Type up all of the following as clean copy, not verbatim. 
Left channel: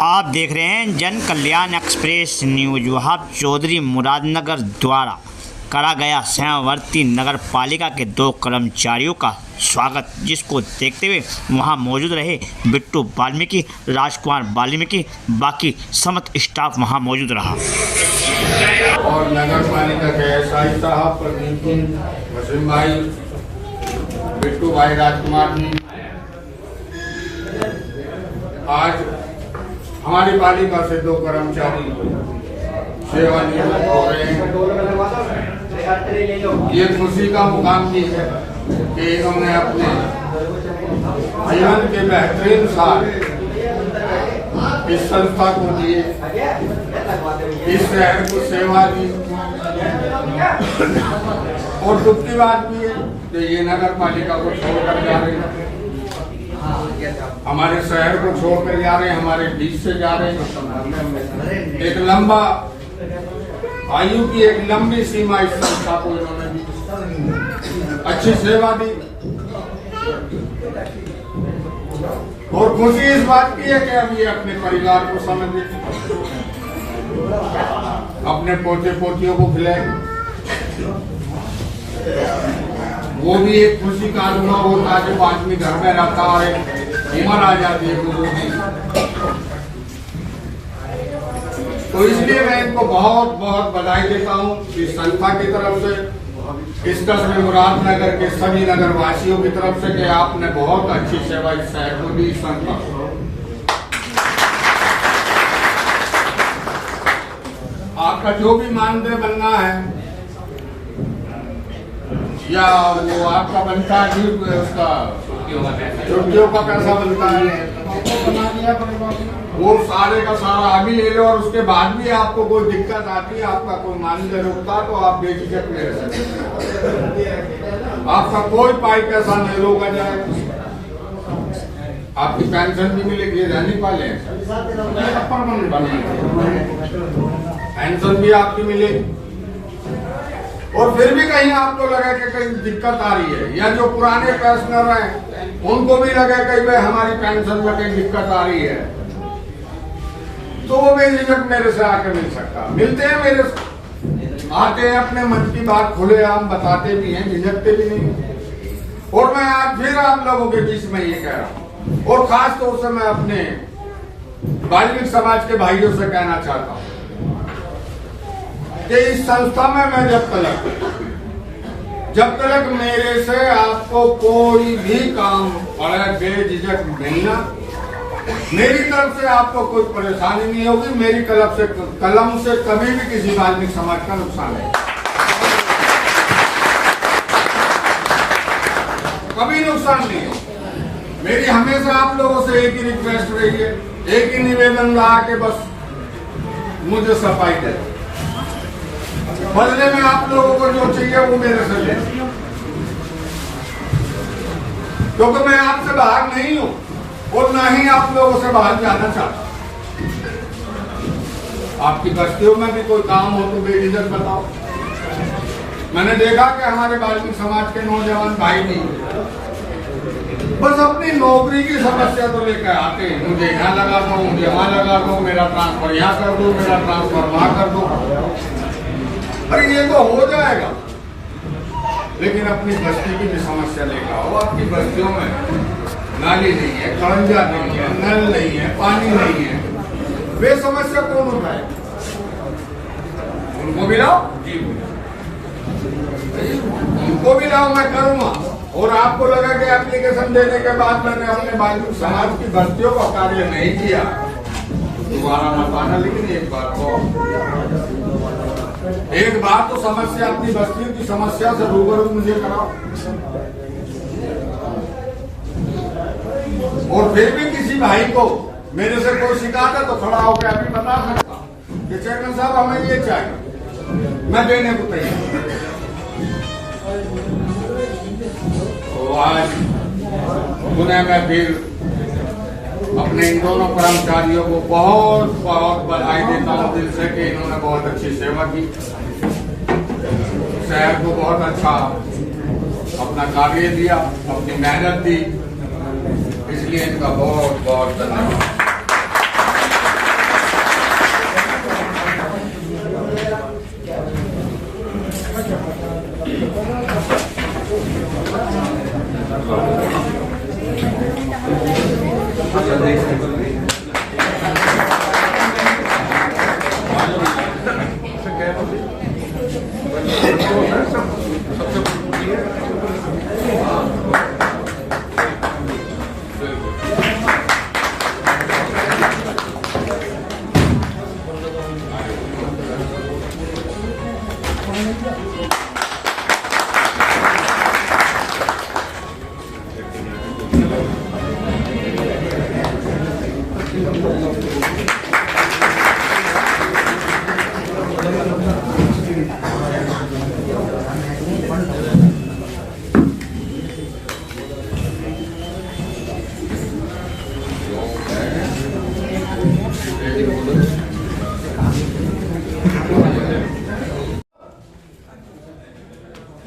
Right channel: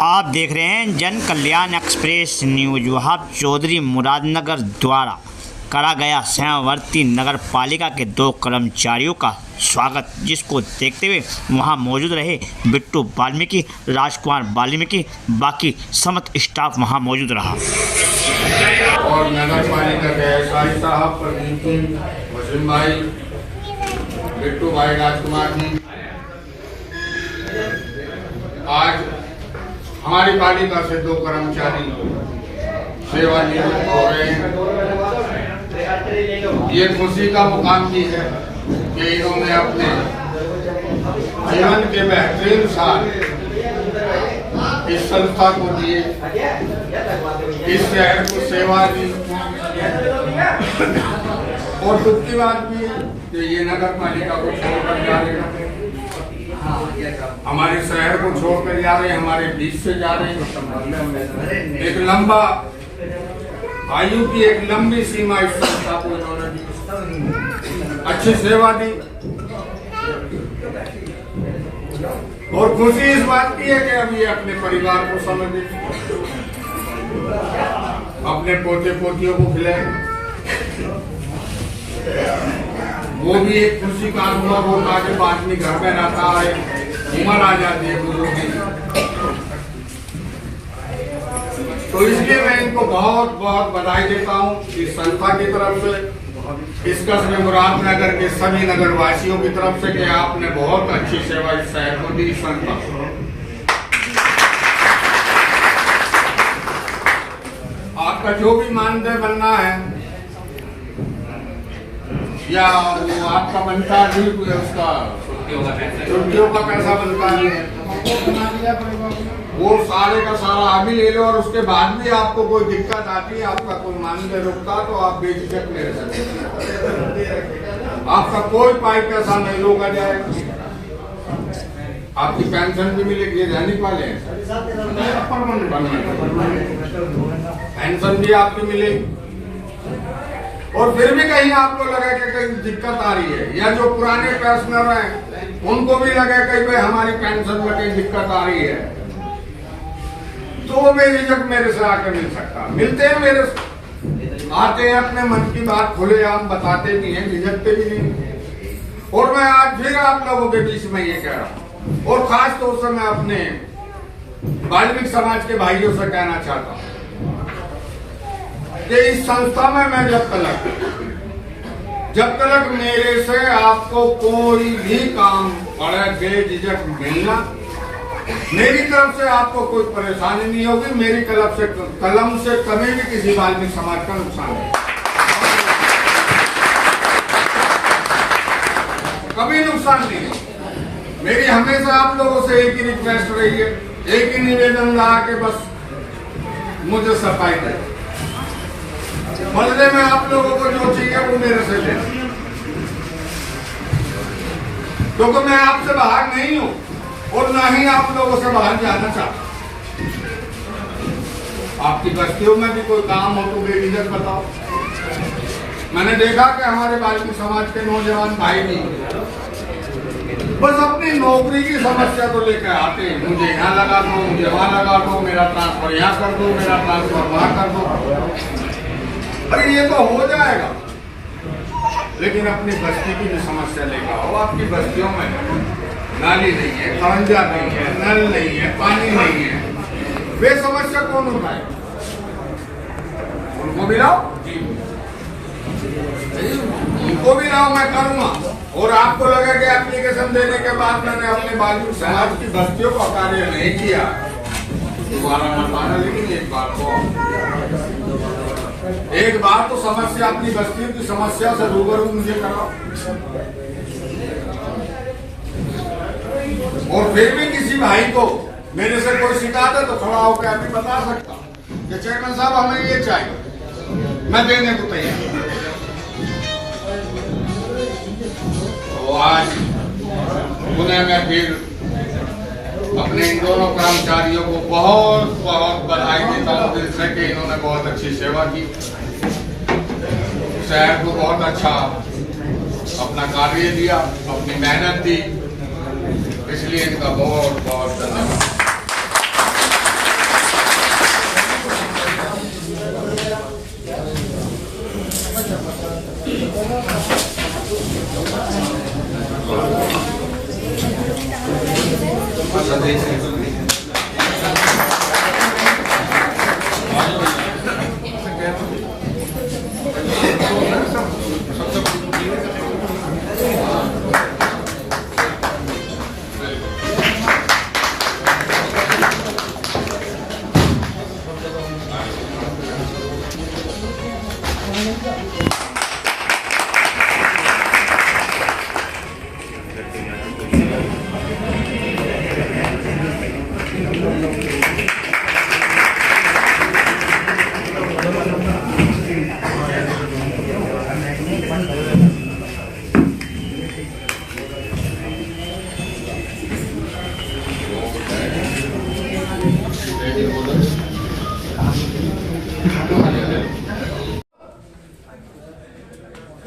आप देख रहे हैं जन कल्याण एक्सप्रेस न्यूज। वहाब चौधरी मुरादनगर द्वारा करा गया सीमावर्ती नगर पालिका के 2 कर्मचारियों का स्वागत, जिसको देखते हुए वहां मौजूद रहे बिट्टू वाल्मीकि, राजकुमार वाल्मीकि, बाकी समस्त स्टाफ वहां मौजूद रहा। और नगर पालिका के एसआई साहब, प्रदीप सिंह, वसीम भाई, बिट्टू भाई, राजकुमार जी, आज हमारी पालिका से 2 कर्मचारी सेवानिवृत्त हो रहे हैं। ये खुशी का मुकाम की है कि इन्होंने अपने जीवन के बेहतरीन साल इस संस्था को दिए, इस शहर को सेवा दी। और दुख की बात भी है कि ये नगर पालिका को छोड़कर जा रहे हैं, हमारे शहर को छोड़कर जा रहे हैं, हमारे बीच से जा रहे हैं। एक लंबा आयु की एक लंबी सीमा इस संस्था को इन्होंने दी, अच्छी सेवा दी। और खुशी इस बात की है कि अब ये अपने परिवार को समझे, अपने पोते पोतियों को खिलाए। वो भी एक खुशी का अनुभव होता है जब आदमी घर में रहता है, उम्र आ जाती है बुजुर्ग की। तो इसलिए मैं इनको बहुत बहुत बधाई देता हूँ इस संस्था की तरफ से, इस कस्बे मुरादनगर के सभी नगर वासियों की तरफ से, कि आपने बहुत अच्छी सेवा इस शहर को दी। संस्था आपका जो भी मानदेय बनना है या वो आपका बनता है, उसका छुट्टियों का पैसा बनता है, वो सारे का सारा अभी ले लो। और उसके बाद भी आपको कोई दिक्कत आती है, आपका कोई मानदेय रुकता, तो आप बेझिझक ले सकते हैं। आपका कोई पाई पैसा नहीं रोका जाएगा, आपकी पेंशन भी मिलेगी। दैनिक वाले पेंशन भी आपकी मिलेगी। और फिर भी कहीं आपको लगे कि कहीं दिक्कत आ रही है, या जो पुराने पेंशनर हैं उनको भी लगे कहीं भाई हमारी पेंशन में कहीं दिक्कत आ रही है, तो वो बेझिझक मेरे से आके मिल सकता। मिलते हैं मेरे से, आते हैं, अपने मन की बात खुले आम बताते भी हैं, झिझकते भी नहीं। और मैं आज फिर आप लोगों के बीच में ये कह रहा हूँ, और खास तौर से मैं अपने वाल्मीकि समाज के भाइयों से कहना चाहता हूँ कि इस संस्था में मैं जब तक मेरे से आपको कोई भी काम पड़े, बेझिझक मिलना, मेरी तरफ से आपको कोई परेशानी नहीं होगी। मेरी कलम से कभी भी किसी वाल्मीकि समाज का नुकसान नहीं, कभी नुकसान नहीं हो। मेरी हमेशा आप लोगों से एक ही रिक्वेस्ट रही है, एक ही निवेदन रहा कि बस मुझे सफाई दे, बदले में आप लोगों को जो चाहिए वो मेरे से ले, क्योंकि मैं आपसे बाहर नहीं हूं और ना ही आप लोगों से बाहर जाना चाहता। आपकी बस्तियों में भी कोई काम हो तो बेझिझक बताओ। मैंने देखा कि हमारे वाल्मीकि समाज के नौजवान भाई भी बस अपनी नौकरी की समस्या तो लेकर आते हैं, मुझे यहाँ लगा दो, मुझे वहां लगा दो, मेरा ट्रांसफर यहाँ कर दो, मेरा ट्रांसफर वहां कर दो। अरे ये तो हो जाएगा, लेकिन अपनी बस्ती की भी समस्या लेकर आओ। आपकी बस्तियों में नाली नहीं है, खड़ंजा नहीं है, नल नहीं है, पानी नहीं है, वे समस्या कौन उठाए? उनको भी लाओ, उनको भी लाओ, मैं करूंगा। और आपको लगे कि एप्लीकेशन देने के बाद मैंने अपने वाल्मीकि समाज की बस्तियों का कार्य नहीं किया, दोबारा मत आना। लेकिन एक बार तो समस्या, अपनी बस्तियों की समस्या से रूबरू मुझे कराओ। और फिर भी किसी भाई को मेरे से कोई शिकायत है तो खड़ा होकर अभी बता सकता कि चेयरमैन साहब हमें ये चाहिए, मैं देने को तैयार। तो आज पुनः मैं फिर अपने इन दोनों कर्मचारियों को बहुत बहुत बधाई देता हूँ दिल से कि इन्होंने बहुत अच्छी सेवा की, शहर को बहुत अच्छा अपना कार्य दिया, अपनी मेहनत दी, इसलिए इनका बहुत बहुत धन्यवाद।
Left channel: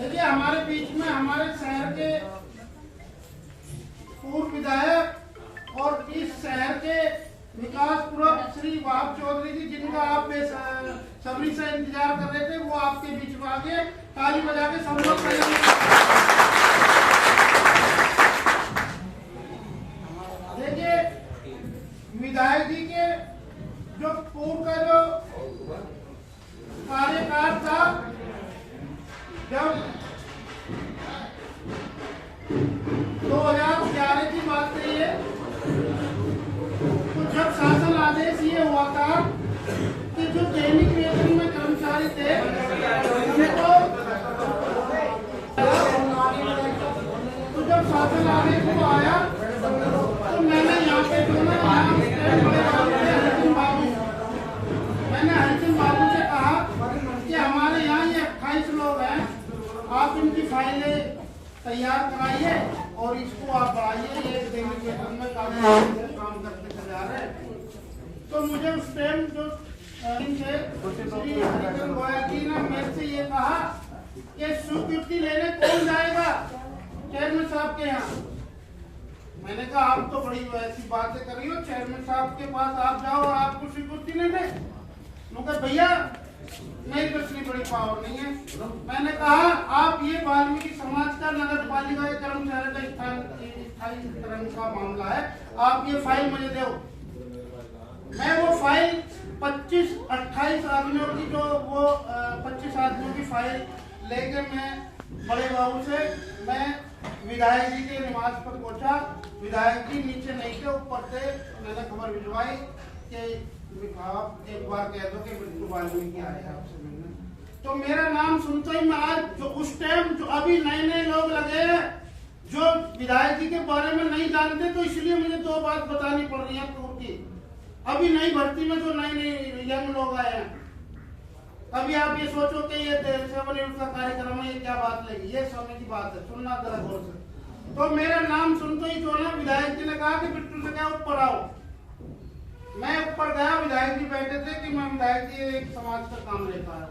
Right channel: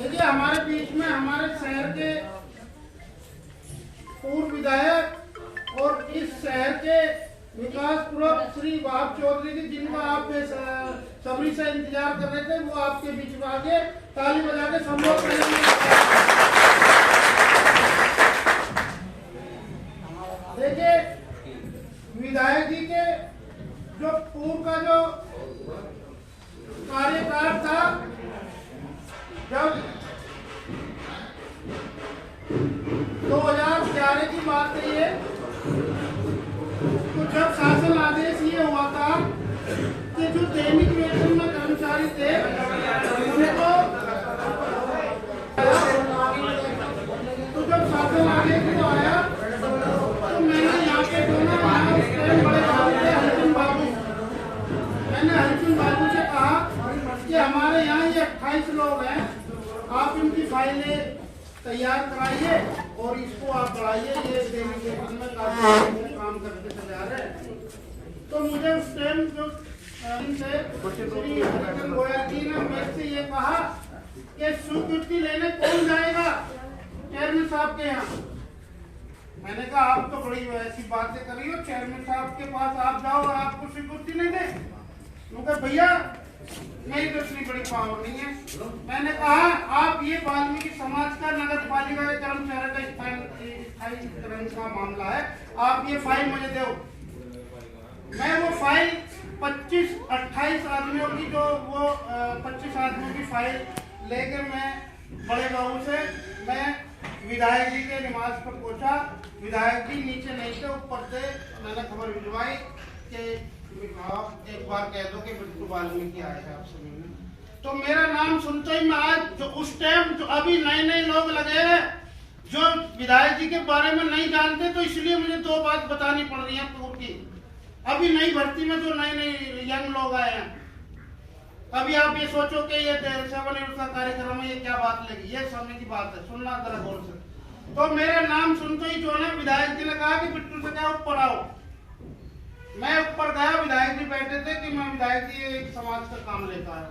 देखिए, हमारे बीच में हमारे शहर के पूर्व विधायक और इस शहर के विकास पूर्वक श्री वहाब चौधरी जी, जिनका आप सभी से इंतजार कर रहे थे, वो आपके बीच में आगे ताली बजा के सब लोग देखिए, विधायक जी के जो पूर्व का जो कार्यकाल था, जब 2011 की बात है ये, तो जब शासन आदेश ये हुआ था कि जो दैनिक वेतन में कर्मचारी थे उनको, तो जब शासन आदेश को आया तो मैंने यहाँ पे हरिचंद बाबू से कहा कि हमारे यहाँ ये 28 लोग हैं, आप इनकी फाइलें तैयार कराइए और इसको आप बढ़ाइए, ये दैनिक वेतन में काम करते चले आ रहे हैं। तो मुझे उस टाइम जो श्री हरिचंद गोयल जी ने मेरे से ये कहा कि स्वीकृति लेने कौन जाएगा चेयरमैन साहब के यहाँ। मैंने कहा आप तो बड़ी ऐसी बातें कर रही हो, चेयरमैन साहब के पास आप जाओ और आपको स्वीकृति नहीं दे। मुझे भैया मेरी तो इतनी बड़ी पावर नहीं है। मैंने कहा आप ये वाल्मीकि समाज का नगर पालिका के कर्मचारी का स्थायीकरण का मामला है, आप ये फाइल मुझे दो। मैं वो फाइल 25-28 आदमियों की जो वो 25 आदमियों की फाइल लेकर मैं बड़े बाबू से मैं विधायक जी के निवास पर पहुंचा। विधायक जी नीचे नहीं थे, ऊपर थे। मैंने खबर भिजवाई कि आप एक बार कह दो कि बिट्टू वाल्मीकि आए हैं आपसे मिलने। तो मेरा नाम सुनते ही मैं आज जो उस टाइम जो अभी नए लोग लगे जो विधायक जी के बारे में नहीं जानते, तो इसलिए मुझे दो बात बतानी पड़ रही है पूर्व की। अभी नई भर्ती में जो नए यंग लोग आए हैं, अभी आप ये सोचो कि ये 7 यूनिट का कार्यक्रम है, ये क्या बात लगी, ये समय की बात है, सुनना जरा गौर से। तो मेरा नाम सुनते ही जो है विधायक जी ने कहा कि बिट्टू से क्या ऊपर आओ। मैं ऊपर गया, विधायक जी बैठे थे कि मैं विधायक जी एक समाज का काम लेता है।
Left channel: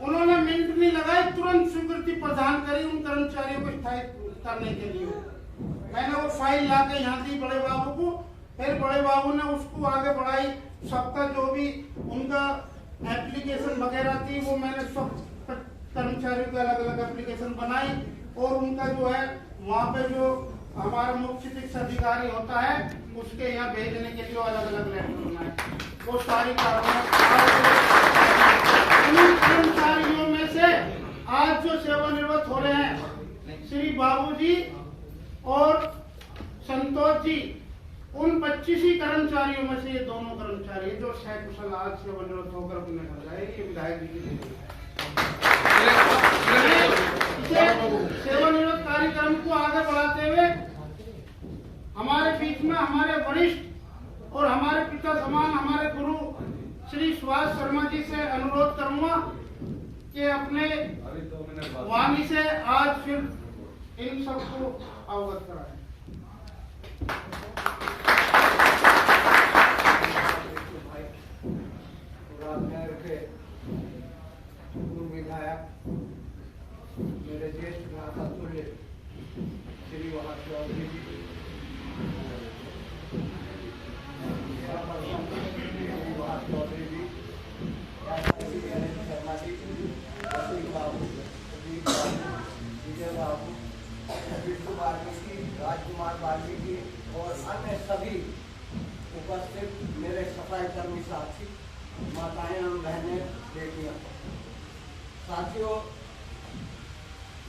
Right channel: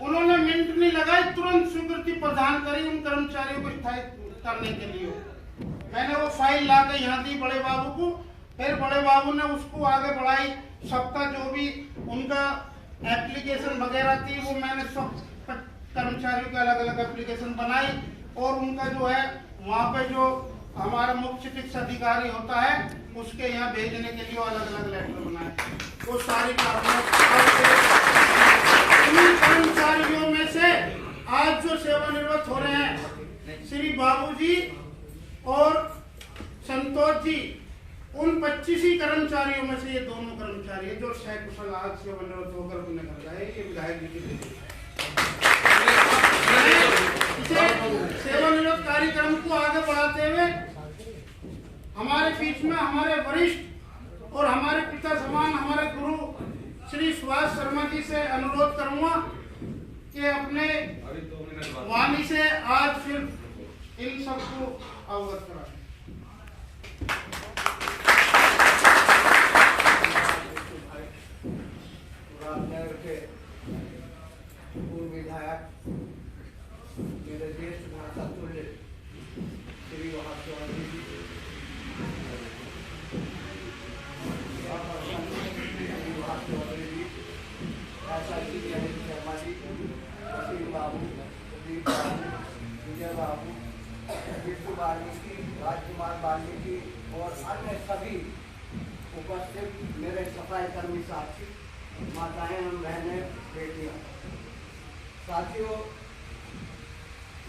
उन्होंने मिनट नहीं लगाए, तुरंत स्वीकृति प्रदान करी उन कर्मचारियों को स्थायी करने के लिए। मैंने वो फाइल ला के यहाँ दी बड़े बाबू को, फिर बड़े बाबू ने उसको आगे बढ़ाई। सबका जो भी उनका एप्लीकेशन वगैरह थी वो मैंने सब कर्मचारियों के अलग अलग एप्लीकेशन बनाई और उनका जो है वहाँ पे जो हमारा मुख्य चिकित्सा अधिकारी होता है उसके यहाँ भेजने के लिए अलग अलग लेटर बनाए। वो सारी कर्मचारियों में से आज जो सेवानिवृत्त हो रहे हैं श्री बाबूजी और संतोष जी, उन 25 ही कर्मचारियों में से ये दोनों कर्मचारी जो सकुशल आज सेवानिवृत्त होकर अपने घर गए, ये विधायक जी की सेवानिवृत्त कार्यक्रम को आगे बढ़ाते हुए हमारे बीच में हमारे वरिष्ठ और हमारे पिता समान हमारे गुरु श्री सुभाष शर्मा जी से अनुरोध करूंगा कि अपने वाणी से आज फिर इन सबको अवगत कराएं। पूर्व विधायक मेरे ज्येष्ठ भ्राता तुल्य श्री वहाब चौधरी जी, वहाब चौधरी जी, शर्मा जी, रफीक बाबू, प्रदीप बाबू, विजय बाबू, बिट्टू वाल्मीकि, राजकुमार वाल्मीकि और अन्य सभी उपस्थित मेरे सफाई कर्मी साथी, माताएं एवं बहनें, बेटियां, साथियों,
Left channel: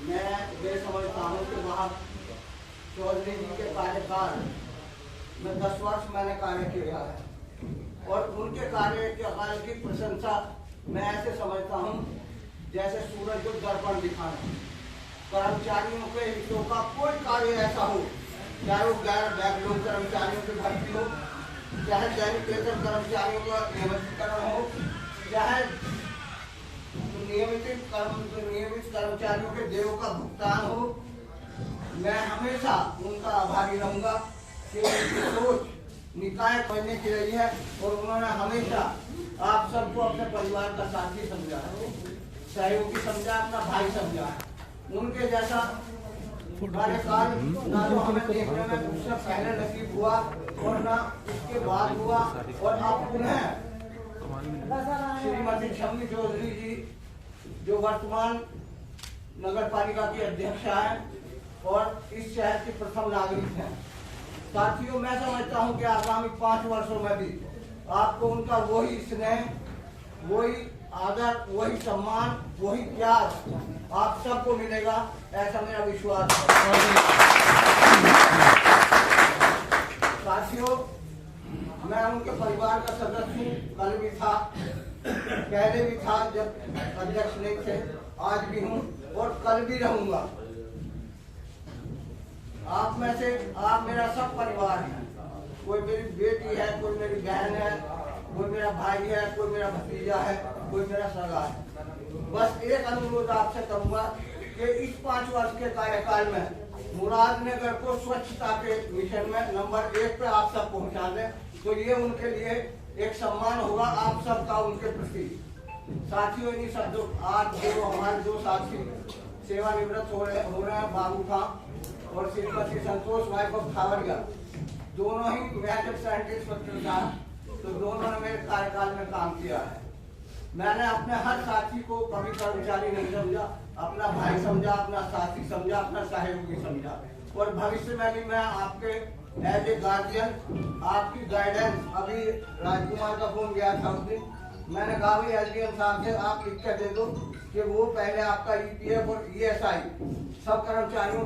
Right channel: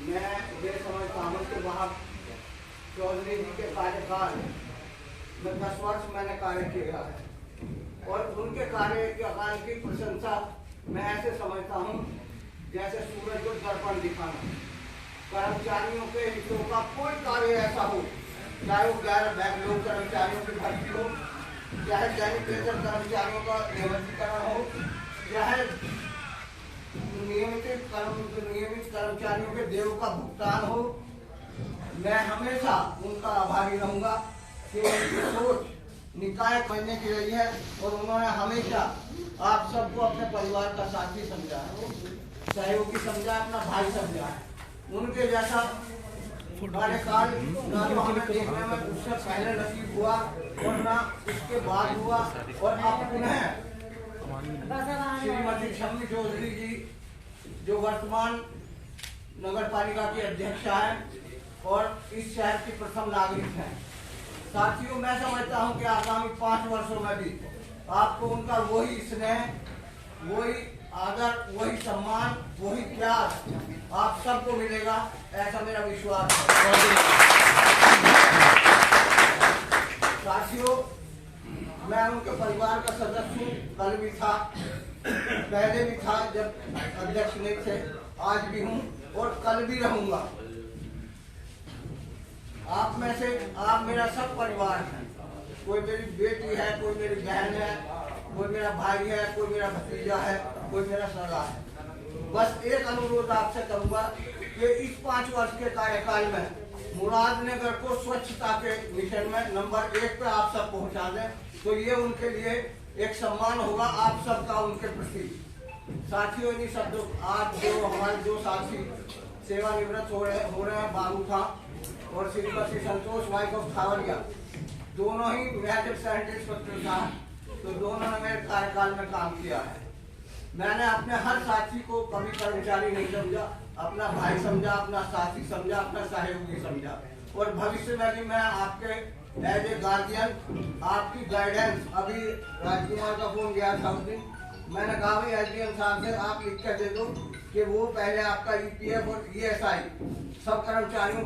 मैं ये समझता हूँ कि वहाब चौधरी जी के कार्यकाल में 10 वर्ष मैंने कार्य किया है और उनके कार्यकाल की प्रशंसा मैं ऐसे समझता हूँ जैसे सूरज को दर्पण दिखाना। कर्मचारियों के हितों का कोई कार्य ऐसा हो चाहे वो 11 बैकलॉग कर्मचारियों की भर्ती हो, चाहे दैनिक वेतन कर्मचारियों का नियमितीकरण हो, चाहे नियमित कर्मचारियों के देयों का भुगतान हो, मैं हमेशा उनका आभारी रहूंगा कि उनकी सोच निकाय करने की रही है और उन्होंने हमेशा आप सबको अपने परिवार का साथी समझा है, सहयोगी समझा, अपना भाई समझा है। उनके जैसा कार्यकाल ना तो हमें देखने में उससे पहले नसीब हुआ और ना उसके बाद हुआ। और अब पुनः श्रीमती शम्मी चौधरी जी जो वर्तमान नगर पालिका की अध्यक्षा है और इस शहर की प्रथम नागरिक हैं। साथियों, मैं समझता हूं कि आगामी 5 वर्षों में भी आपको उनका वही स्नेह, वही आदर, वही सम्मान, वही प्यार आप सबको मिलेगा, ऐसा मेरा विश्वास है। साथियों, मैं उनके परिवार का सदस्य हूँ, कल भी था, पहले भी था जब अध्यक्ष नहीं थे, आज भी हूँ और कल भी रहूंगा। आप में से आप मेरा सब परिवार है, कोई मेरी बेटी है, कोई मेरी बहन है, कोई मेरा भाई है, कोई मेरा भतीजा है, कोई मेरा सगा है। बस एक अनुरोध आपसे करूंगा कि इस 5 वर्ष के कार्यकाल में मुरादनगर को स्वच्छता के मिशन में नंबर 1 पे आप सब पहुंचा दें, तो ये उनके लिए एक सम्मान होगा आप सबका उनके प्रति। साथियों, इन्हीं शब्दों आज जो हमारे 2 साथी सेवानिवृत्त हो रहे हैं, बाबू खां और श्रीमती संतोष भाई को खावरिया, दोनों ही ग्रेजुएट साइंटिस्ट पत्रकार, तो दोनों ने मेरे कार्यकाल में काम किया है। मैंने अपने हर साथी को कभी कर्मचारी नहीं समझा, अपना भाई समझा, अपना साथी समझा, अपना सहयोगी समझा। और भविष्य में भी मैं आपके एज ए गार्जियन आपकी गाइडेंस, अभी राजकुमार का फोन गया था उस दिन, मैंने कहा भाई एसडीएम साहब से आप लिख के दे दो कि वो पहले आपका ईपीएफ और ईएसआई सब कर्मचारियों